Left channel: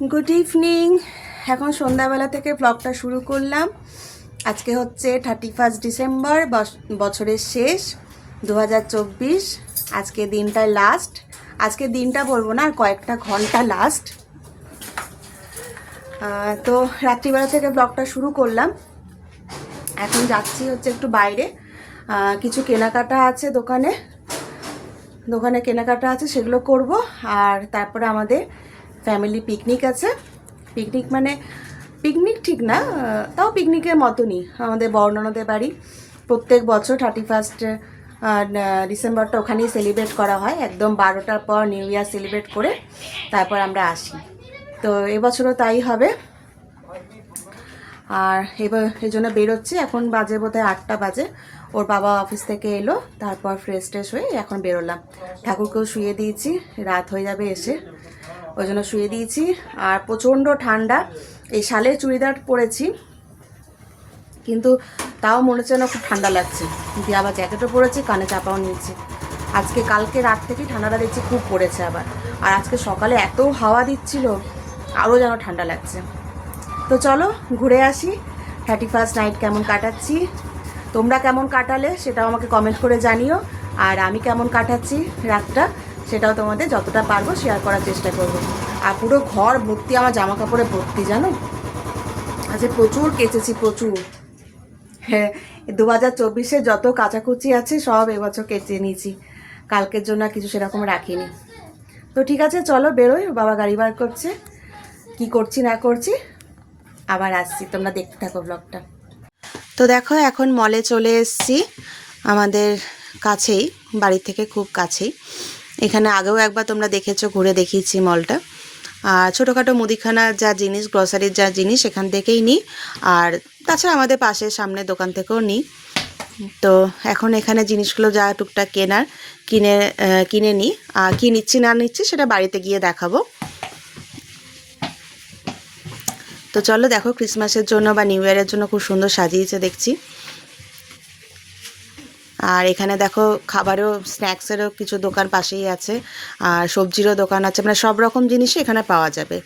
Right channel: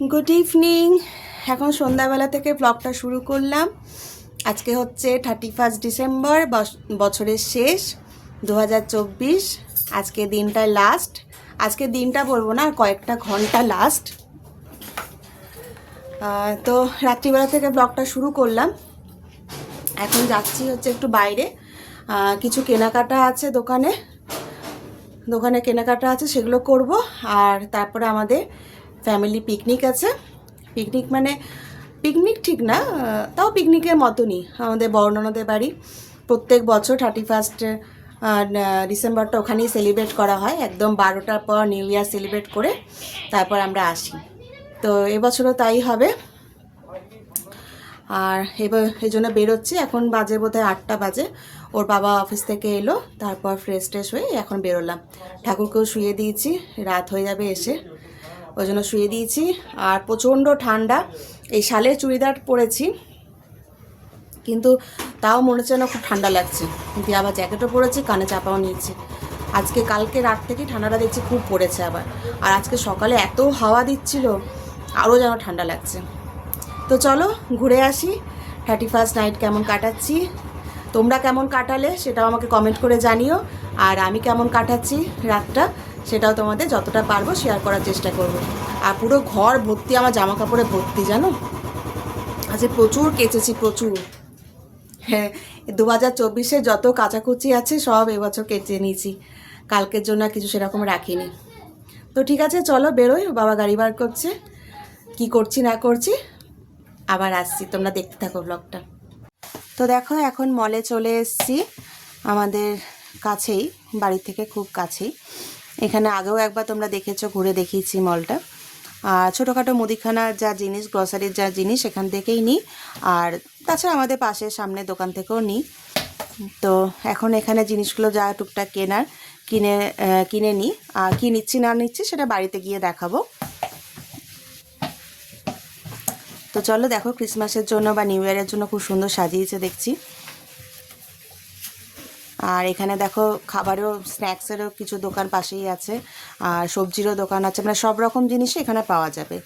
Good evening এখন সন্ধ্যাবেলা থেকে ব্লগটা শুরু করলাম। আজকে হচ্ছে থার্টি ফার্স্ট ডিসেম্বর বছরের শেষ দু হাজার চব্বিশ। আজকে দিনটা লাস্ট আজকে দিনটা বলব না, কয়েকটা ঘণ্টা লাস্ট তো রাত্রিবেলা থেকে ব্লগটা শুরু করলাম। এখন যাচ্ছি হচ্ছে একটু বাইরে। কিছু কেনাকাটা আছে দোকানে। দোকানে কেনাকাটা আছে, সেগুলো করব। আর তারপরে আমাদের ফ্যামিলি পিকনিক আছে। পিকনিক মানে পিকনিক ঠিক না, তাও পিকনিকের মতনই আমাদের বর্ণনাদের বাড়ি। প্রত্যেক বছর থার্টি ফার্স্ট ডিসেম্বরটা ওখানেই সেলিব্রেট করা হয়। একদম বারোটার পর নিউ ইয়ার সেলিব্রেট করে তারপর আমরা আসি। তো এবছরও তাই হবে। আর এবার এই জন্য বেরোচ্ছি। এখন বাজে বোধহয় আটটা বাজে। ওর বাবা অফিস থেকে এলো, তারপর ফ্রেশ ট্রেশ হয়ে এখন বেরোলাম। ঠাকুরকেও শুয়ে দিয়েছি। রাত হয়ে যাবে এসে। ওই জন্য শুয়ে দিয়েছি। আর প্রচণ্ড ঠান্ডা। এই শালের চুড়িদার পরেছি। কিন্তু তাও মনে হচ্ছে না খুব ঠান্ডা লাগছে। দিয়ে আবার জ্যাকেটও পরেছি, কানে চাপাও নিয়েছি। আজকে কালকে রাত থেকেই ঠান্ডাটা দেখছি খুব পড়েছে আবার। আর আজকে সকালে এত হাওয়া দিচ্ছিল, আরও যেন ঠান্ডা লাগছে। তো চলো ঘুরে আসি। থার্টি ফার্স্ট নাইট কেমন কাটাচ্ছি? তোমরা কেমন কাটালে সেটাও আমাকে কমেন্ট করে জানিও। আর আমি কেমন কাটাচ্ছি রাতটা সেটাও তোমাদের যতটা পারব শেয়ার করার চেষ্টা করব। আর পুরো ঘর ভর্তি, আমার জামা কাপড়ে ভর্তি, জানো? আজকে প্রচুর কেচেছি, প্রচুর। হ্যাঁ দু হাজার চব্বিশে যত কাচাকুচি আছে সব এবছর কেচে নিয়েছি। কালকের জন্য কিছু সেরকম রাখিনি। তো ঠিক আছে, চলো বেরোই, বাবা গাড়ি বার করছে। কি করছি না করছি? আবার আসছি, তোমরা দেখতে থাকো ব্লগটা তো দেখো, এখন মলে চলে এসেছি। আমাদের কাছেই বাড়ি থেকে খুব কাছেই। এখানে আগেও একবার তোমরা দেখেছ, ঘুরে দেখিয়েছি মলটা আর ছোটোখাটো মুদিখানার যা জিনিস গ্রসারির যা জিনিস, এখান থেকেই নিই। আর তাছাড়া আমাদের পাশের সামনে দোকান থেকেও নিই। তো এখন এখানে জিনিসগুলো যা টুকটাক কেনার, কিনে কিনে নিই। আর কী নিচ্ছি না নিচ্ছি, সেটা বাড়িতে গিয়ে দেখাবো। তো চলো দেখো ক্রিসমাসের জন্য বা নিউ ইয়ারের জন্য খুব সুন্দর সাজিয়েছে দেখছি। আর এখানে দেখো খাবারও স্ন্যাক্সেরও কিছু দোকান পাশেই আছে। আর সবজিরও দোকান আছে মানে সব রকম জিনিসই এখানে পাওয়া যাবে।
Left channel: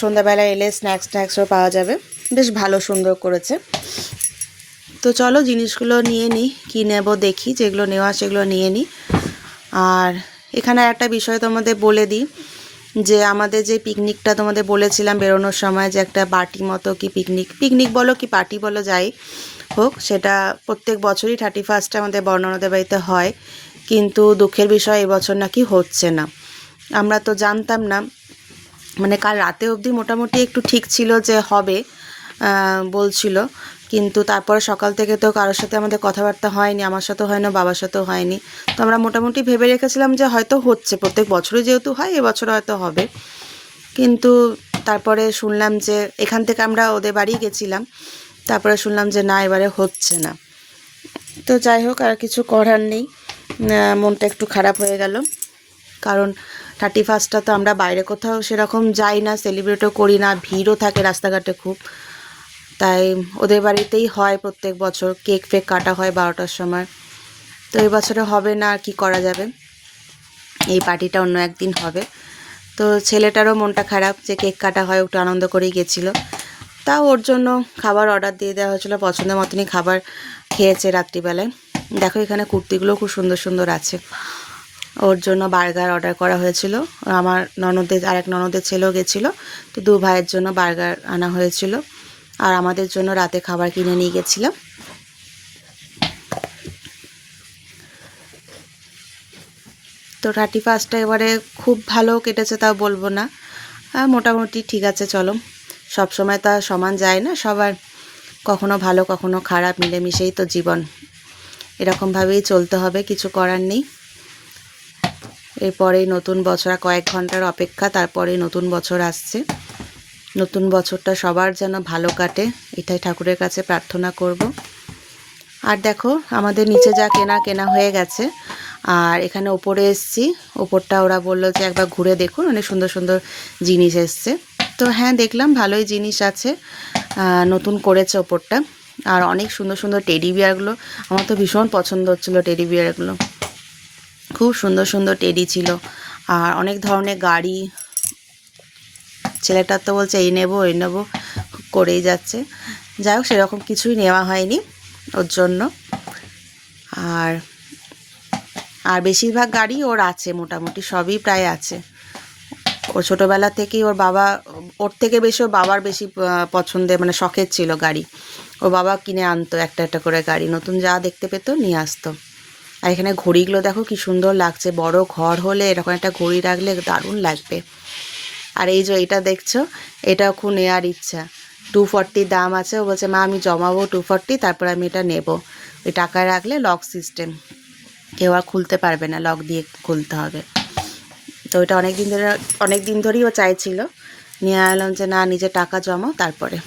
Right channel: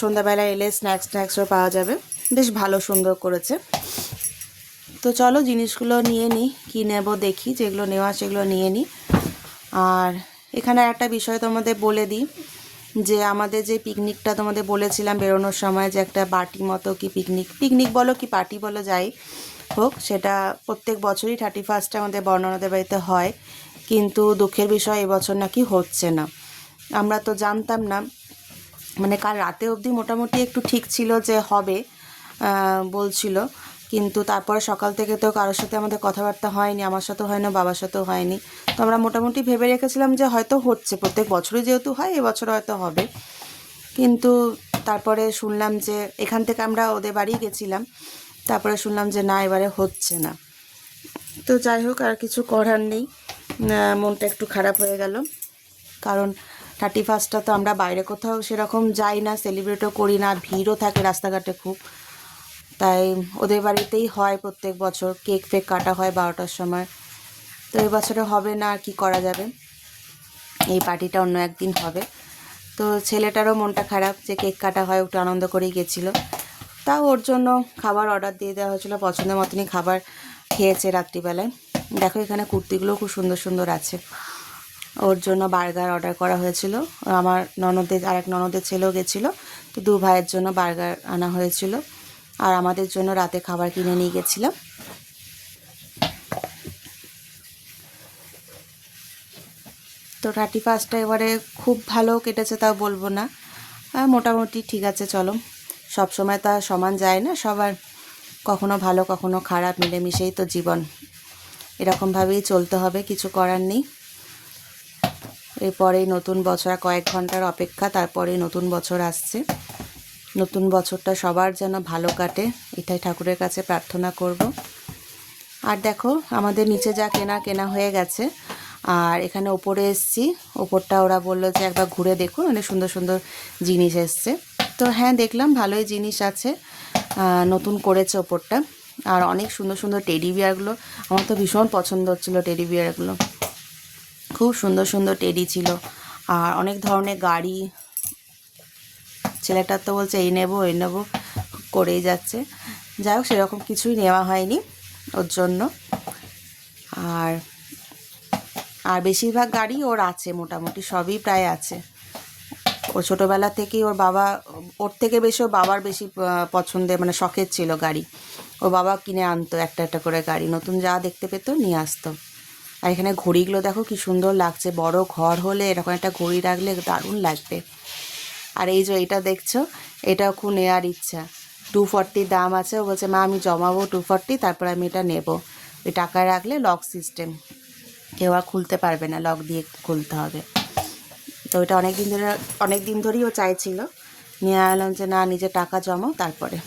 সন্ধ্যাবেলা এলে স্ন্যাক্স স্ন্যাক্সও পাওয়া যাবে। বেশ ভালো সুন্দর করেছে। তো চলো জিনিসগুলো নিয়ে নিই কী নেব দেখি, যেগুলো নেওয়া সেগুলো নিয়ে নিই আর এখানে একটা বিষয় তোমাদের বলে দিই। যে আমাদের যে পিকনিকটা তোমাদের বলেছিলাম বেরোনোর সময় যে একটা পার্টি মতো কি পিকনিক পিকনিক বলো কি পার্টি বলো যাই হোক, সেটা প্রত্যেক বছরই থার্টি ফার্স্টে আমাদের বর্ণনাদের বাড়িতে হয়, কিন্তু দুঃখের বিষয় এবছর নাকি হচ্ছে না। আমরা তো জানতাম না মানে কাল রাতে অবধি মোটামুটি একটু ঠিক ছিল যে হবে বলছিল। কিন্তু তারপরে সকাল থেকে তো কারোর সাথে আমাদের কথাবার্তা হয়নি, আমার সাথেও হয় না বাবার সাথেও হয়নি। তো আমরা মোটামুটি ভেবে রেখেছিলাম যে হয়তো হচ্ছে, প্রত্যেক বছরই যেহেতু হয় এবছর হয়তো হবে। কিন্তু তারপরে শুনলাম যে এখান থেকে আমরা ওদের বাড়ি গেছিলাম, তারপরে শুনলাম যে না, এবারে হচ্ছে না। তো যাই হোক, আর কিছু করার নেই। মনটা একটু খারাপ হয়ে গেল। কারণ থার্টি ফার্স্টটা তো আমরা বাইরে কোথাও সেরকম যাই না, সেলিব্রেটও করি না, ভিড়ও থাকে রাস্তাঘাটে খুব। তাই ওদের বাড়িতেই হয় প্রত্যেক বছর। কেক ফেক কাটা হয় বারোটার সময়। তো এই বছরে হবে না আর কি করা যাবে। এই পার্টিটা অন্য একদিন হবে। তো ছেলেটারও মনটা খারাপ যে কেক কাটা হয় একটু আনন্দ করেই গেছিল। তাও ওর জন্য খাবার অর্ডার দিয়ে দেওয়া হয়েছিল। পছন্দের মতনই খাবার খেয়েছে রাত্রিবেলায়। দেখো এখানে কুর্তিগুলো খুব সুন্দর সুন্দর আছে। ওর জন্য বার্গার অর্ডার করা হয়েছিল। আমার ননদের, আরেক ননদের ছেলেও গেছিল। তো দু ভাইয়ের জন্য বার্গার আনা হয়েছিল। আর আমাদের জন্য রাতে খাবার কিনে নিয়ে গেছিলাম। তো থার্টি ফার্স্টটা এবারে খুব ভালো কেটেছে, তাও বলব না। মোটামুটি ঠিক আছে, চলো। সব সময় তা সমান যায় না, সবার কখনো ভালো, কখনো খারাপ, মিলেমিশেই তো জীবন। এরকমভাবেই চলতে হবে, কিছু করার নেই। এরপরে নতুন বছর কয়েক ঘণ্টার অপেক্ষা, তারপরে নতুন বছর আসছে। নতুন বছরটা সবার যেন ভালো কাটে, এটাই ঠাকুরের কাছে প্রার্থনা করব। আর দেখো, আমাদের নিচে যা কেনা কেনা হয়ে গেছে। আর এখানে ওপরে এসছি, ওপরটা ওরা বলল যে একবার ঘুরে দেখুন, অনেক সুন্দর সুন্দর জিনিস এসছে। তো হ্যাঁ দেখলাম ভালোই জিনিস আছে নতুন করেছে ওপরটা। আর অনেক সুন্দর সুন্দর টেডি বিয়ারগুলো, আমার তো ভীষণ পছন্দ হচ্ছিল টেডি বিয়ারগুলো। খুব সুন্দর সুন্দর টেডি ছিল। আর অনেক ধরনের গাড়ি ছেলেটা তো বলছে, এই নেব এই নেব। করেই যাচ্ছে। যাই হোক, সেরকম কিছুই নেওয়া হয়নি ওর জন্য। আর আর বেশিরভাগ গাড়ি ওর আছে মোটামুটি, সবই প্রায় আছে। ও ছোটোবেলা থেকেই ওর বাবা, ওর থেকে বেশি ওর বাবার বেশি পছন্দের মানে শখের ছিল গাড়ি। ওর বাবা কিনে আনতো একটা একটা করে গাড়ি। নতুন যা দেখতে পেতো নিয়ে আসতো। আর এখানে ঘড়িগুলো দেখো কি সুন্দর লাগছে। বড় ঘর হলে এরকম একটা ঘড়ি রাখলে দারুণ লাগবে। আর এই যে এটা দেখছ এটাও খুব নেওয়ার ইচ্ছা। টু ফর্টির দাম আছে, ও বলছে, মা, আমি জমাবো টু ফর্টি তারপর আমি এটা নেব। ওই টাকায় রাখলে লক সিস্টেম কেউ আর খুলতে পারবে না লক দিয়ে খুলতে হবে। তো ওইটা অনেক দিন ধরে অনেক দিন ধরেই ও চাইছিল। নিয়ে এলাম যে, না নিজে টাকা জমাও তারপরে।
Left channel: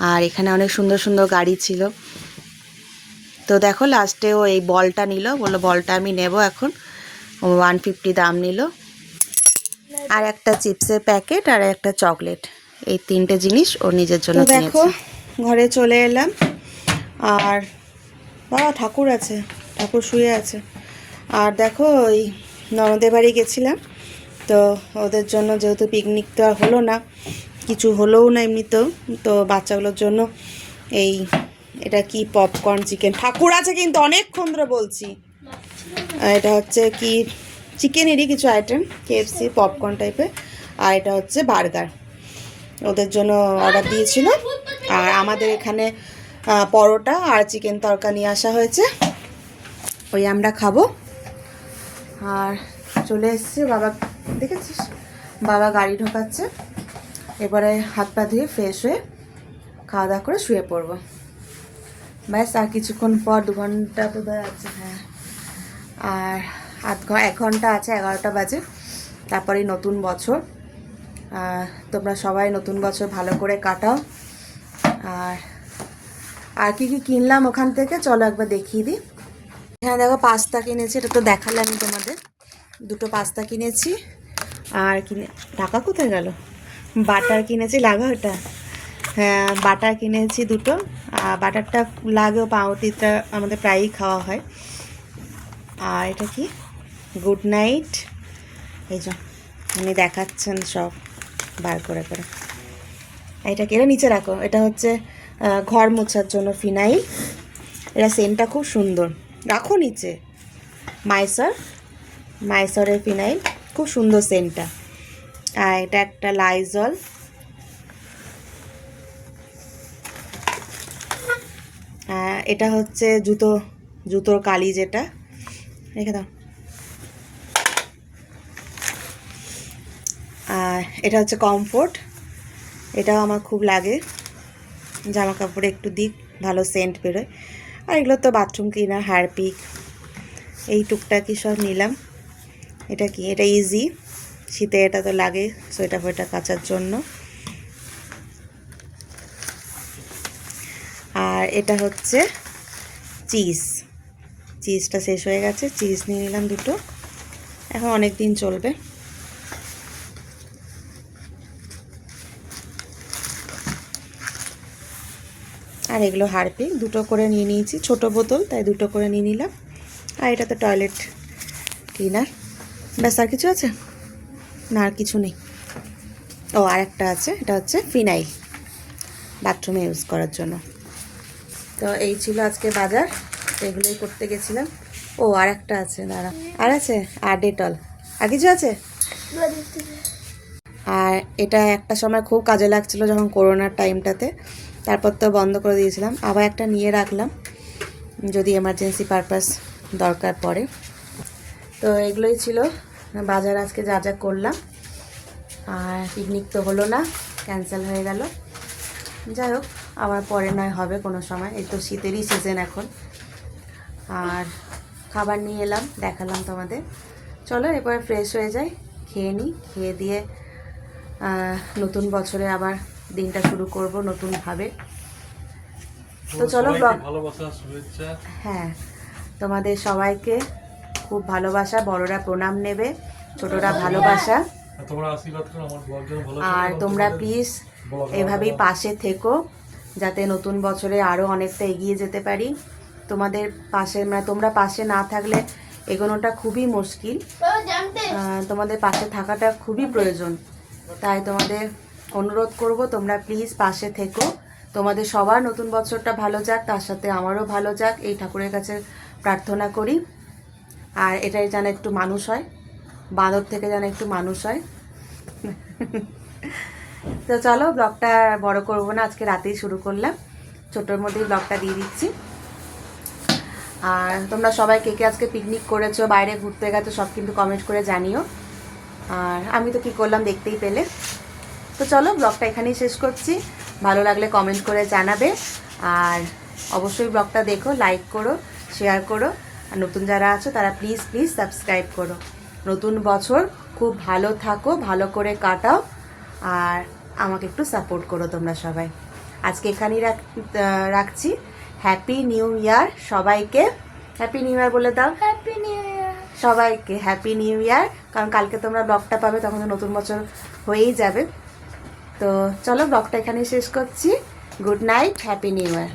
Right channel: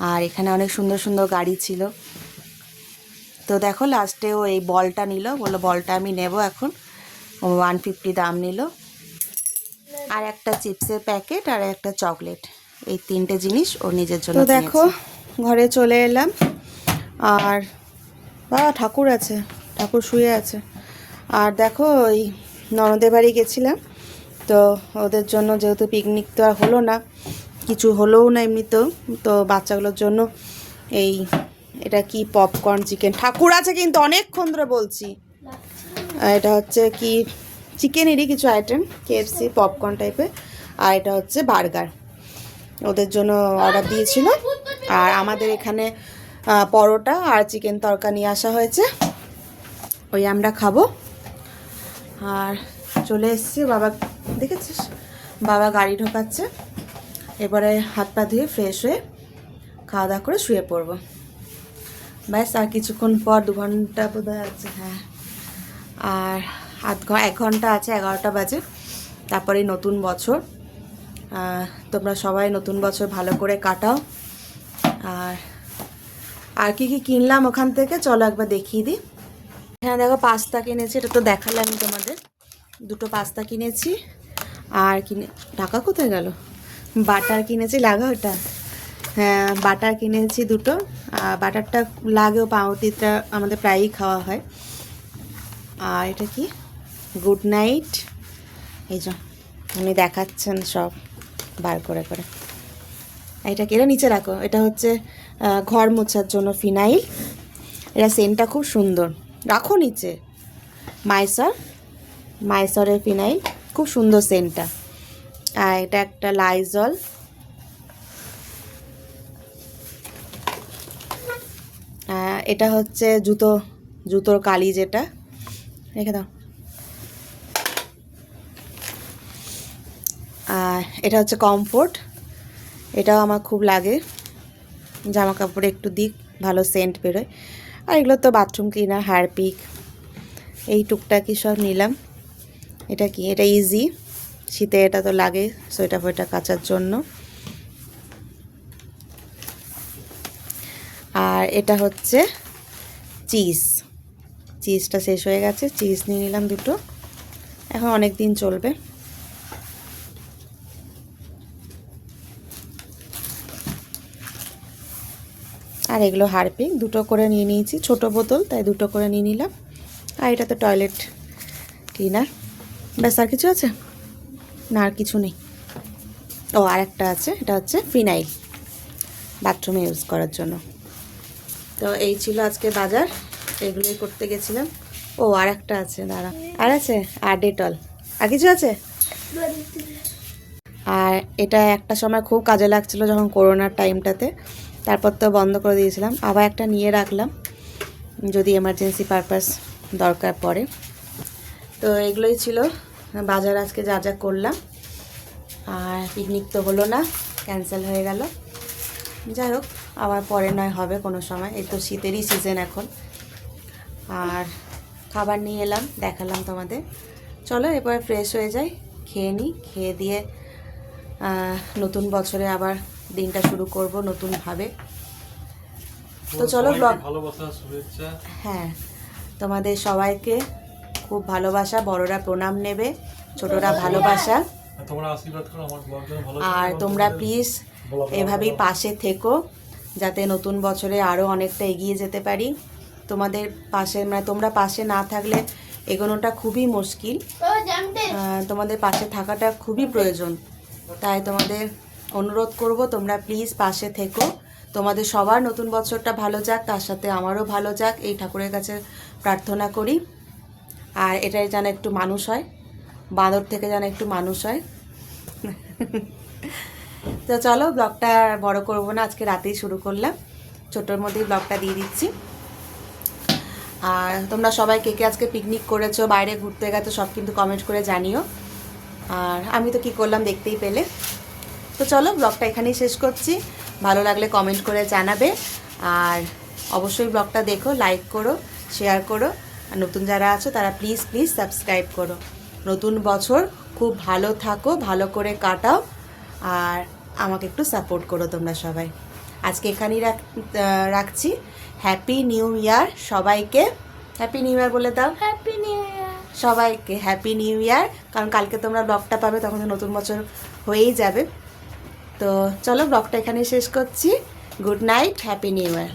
আর এখানে অনেক সুন্দর সুন্দর গাড়ি ছিল। তো দেখো লাস্টে ও এই বলটা নিল। বলল, বলটা আমি নেব এখন। ওয়ান ফিফটি দাম নিল। আর একটা চিপসের প্যাকেট আর একটা চকলেট। এই তিনটে জিনিস ও নিজের জন্য দেখো ঘরে চলে এলাম। আর বাবা ঠাকুর আছে। ঠাকুর শুয়ে আছে। আর দেখো ওই ননদের বাড়ি গেছিলাম। তো ওদের জন্য যেহেতু পিকনিক তো আর হলো না কিছু হলোও না এমনিতেও তো। বাচ্চাগুলোর জন্য এই এটা কি পপকর্ন চিকেন ঠাকুর আছে কিন্তু অনেকক্ষণ ধরে বলছি। এটা হচ্ছে কি চিকেনেরই কিছু আইটেম কেএফসি পপকর্ন টাইপের আর এটা হচ্ছে বার্গার ওদের জন্য অর্ডার দিয়েছিল। আর আমাদের এখানে পরোটা আর চিকেন তরকা নিয়ে আসা হয়েছে। ওই আমরা খাব। আর চলে এসছে বাবা, দেখেছিস? বাবা গাড়ি ঢোকাচ্ছে। এবারে হাত পা ধুয়ে ফ্রেশ হয়ে খাওয়া দাওয়া করে শুয়ে পড়ব। ব্যাস, আর কিছুক্ষণ পর দু ঘণ্টা বোধ হয় আছে হ্যাঁ। আর আধ এক ঘণ্টা আছে, এগারোটা বাজে। তারপরে নতুন বছর। তোমরা সবাই নতুন বছর ভালো করে কাটাও। আর আর কি কি কিনলাম ওখান থেকে চলো একবার দেখিয়ে দিই। এখানে দেখো পাস্তা কিনেছি, এটা তো দেখালাম তোমাদের। দুটো পাস্তা কিনেছি। আর কিনে টাকা কোথায় গেল? বাটার কিনেছি লাগা ওটা হ্যাঁ বাটার কিনেছি দুটো। বাটারটা লাগেও পাউরুটিটা আমাদের প্রায়ই খাওয়া হয়। আর এটা কি? গুড নাইট এই যে, উনি দেখাচ্ছেন সব, বার করে করে। এটা এটা নিচে রাখো, এটা হচ্ছে ঘর মোছার জন্য ফিনাইল। এটা সেন্টটা খুব সুন্দর। রাখো নিচে। মাইসার, মাইসরের ফিনাইল, খুব সুন্দর সেন্টটা আর এটা একটা লাইজল এটা হচ্ছে জুতো, জুতোর কালি যেটা। রেখে দাও। এটা হচ্ছে কমফোর্ট এটাও আমার খুব লাগে। জামা কাপড়ে একটু দিক, ভালো সেন্ট বেরোয়। আর এগুলো তো বাথরুম ক্লিনার হারপিক এই টুকটাকি সব নিলাম। এটা কি? এটা ইজি শীতে এটা তো লাগে সোয়েটার ফোয়েটার কাচার জন্য। আর এটা হচ্ছে চিজ চিজটা শেষ হয়ে গেছে। চিজ নিয়ে নিলাম দুটো। এখন অনেক দিন চলবে। আর এগুলো হারপিক দুটো করে নিয়ে নিয়েছি, ছোট বোতল, তাই দুটো করে নিয়ে নিলাম। আর এটা তো টয়লেট ক্লিনার। ব্যাস, আর কিছু আছে? না, আর কিছু নেই। ও, আর একটা আছে, এটা হচ্ছে ফিনাইল, বাথরুমে ইউজ করার জন্য। তো এই ছিল আজকে বাজার, এগুলোই করতে গেছিলাম। ও, আর একটা আছে, দাঁড়া। আর আছে? আর ডেটল। আর কিছু আছে? আর এটা একটা সময় খুব কাজে লাগছিল যখন করোনার টাইমটাতে। তারপর তো বন্ধ করে দিয়েছিলাম। আবার একটা নিয়ে রাখলাম, যদি এমার্জেন্সি পারপাস দরকার পড়ে। তো এগুলোই ছিল। বাজার আজকে যা যা করলাম। আর পিকনিক তো হলো না ক্যান্সেল হয়ে গেল। যাই হোক, আবার পরে নয় হবে কোনো সময়। এই তো শীতেরই সিজন এখন। আর খাবার নিয়ে এলাম, দেখালাম তোমাদের। চলো এবার ফ্রেশ হয়ে যাই, খেয়ে নিই। খেয়ে দিয়ে নতুন বছরে আবার দিনটা শুরু করব নতুনভাবে। তো চলো ভালোবাসা শুভেচ্ছা। হ্যাঁ তোমাদের সবাইকে খুব ভালোবাসা বড়রা প্রণাম নেবে ছোটরা ভালোবাসা। আর তোমরা আশীর্বাদ করো আমার ব্লগ ভালো আর তোমরা প্লিজ এভাবেই পাশে থেকো যাতে নতুন বছরে আরও অনেকটা এগিয়ে যেতে পারি। তোমাদের পাশে মানে তোমরা পাশে না থাকলে এগোনোটা খুবই মুশকিল। তোমাদের পাশে থাকাটা খুবই প্রয়োজন। তাই তোমাদের অনুরোধ করব, তোমরা প্লিজ পাশে থেকো। তোমাদের সবার নতুন বছরটা ভালো যাক, তার সাথে আমারও ভালো যাক, এই ঠাকুরের কাছে প্রার্থনা করি। আর এটাই যেন একটু মানুষ হয়, বাঁদর থেকে যেন একটু মানুষ হয়। তো চলো, ব্লগটা বড় করব না, আজকে রাতেই শুরু করলাম। ছোটোর মধ্যেই ব্লগটা দিয়ে দিচ্ছি। আর তোমরা সবাই কে কে আজকে পিকনিক করেছ, বাইরে ঘুরতে গেছো, সব কিন্তু কমেন্ট করে জানিও। আর আমি তো কি করলাম, দেখতেই পেলে। তো চলো ব্লগটা এখানেই শেষ করছি। ভালো লাগলে কমেন্ট করে জানাবে। আর অবশ্যই ব্লগটা দেখো লাইক করো শেয়ার করো। আর নতুন যারা আছো তারা প্লিজ প্লিজ সাবস্ক্রাইব করো। নতুন বছর খুব ভালো থাকো ভালো করে কাটাও। আর আমাকে একটু সাপোর্ট করো তোমরা সবাই। আজকে এখানেই রাখ রাখছি। হ্যাপি নিউ ইয়ার সবাইকে। হ্যাপি নিউ ইয়ার বলে দাও। হ্যাপি নিউ ইয়ার সবাইকে হ্যাপি নিউ ইয়ার কারণ কালকে তোমরা ব্লগটা পাবে তখন তো নতুন বছর হয়েই যাবে। তো চলো ব্লগটা এখানে শেষ করছি। Good night happy new year